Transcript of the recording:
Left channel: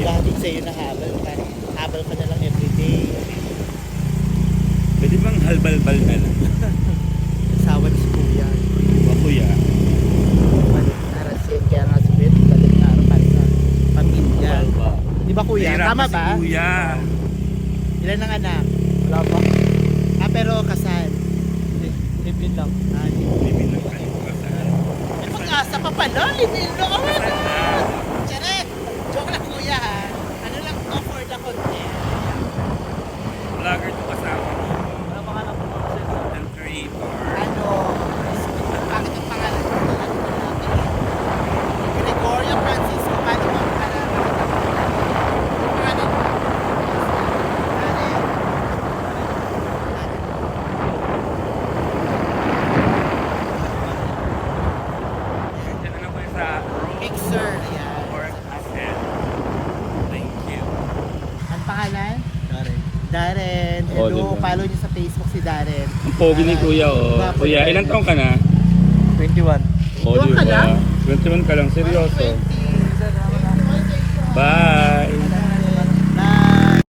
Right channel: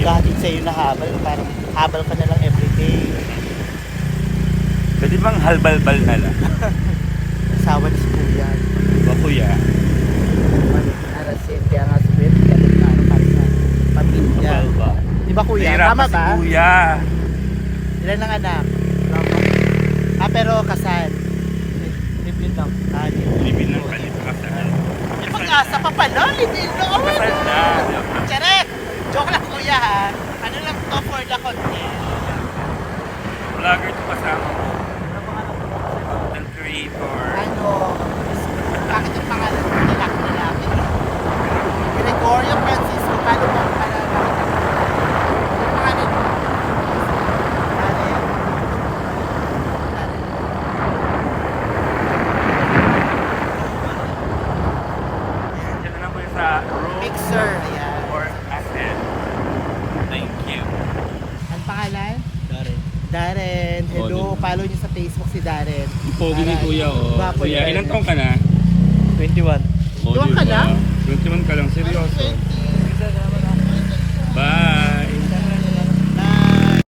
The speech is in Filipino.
maghahatid sa'yo na habal. Parang habal ka na lang everyday. Pwede bang halbalbal na lang? Asawa ni si Kuya. Ba kuya? Arasin, kaya nga si Beth, galing na ano, parang na pamilya. Halbalbal. Di ba Kuya? Nahirapan Tama si ba? Kuya. Ilan ang anak? Wala pa. Pero kasal. Live-in lang. Libin ng kalit kasal. May pag-asa pa pala, live-in lang. Oh my Kasal na. God! Charek! Joke lang Kuya ha. Ano lang to for the content. Vlogger to kasama mo. Ano pangalan po? Content creator. Ano? Bakit yung pangalan mo? Lalaki. Gregorio Francisco. Paano mo para makita mo? Ano pangalan mo? Karen? Diyan na lang po yung sa room. Mixer. Ayan. Work asset. Thank you. Ang pangalan? Darren. Darren. Oh, Hello. diba? Follow niyo sa Facebook si Darren. Ang pogi ni Kuya, oh. Gwapo Kuya, yan. ilang taong ka na? 21. Oh, 21 ka lang? 21 ka lang, seryoso. Bye!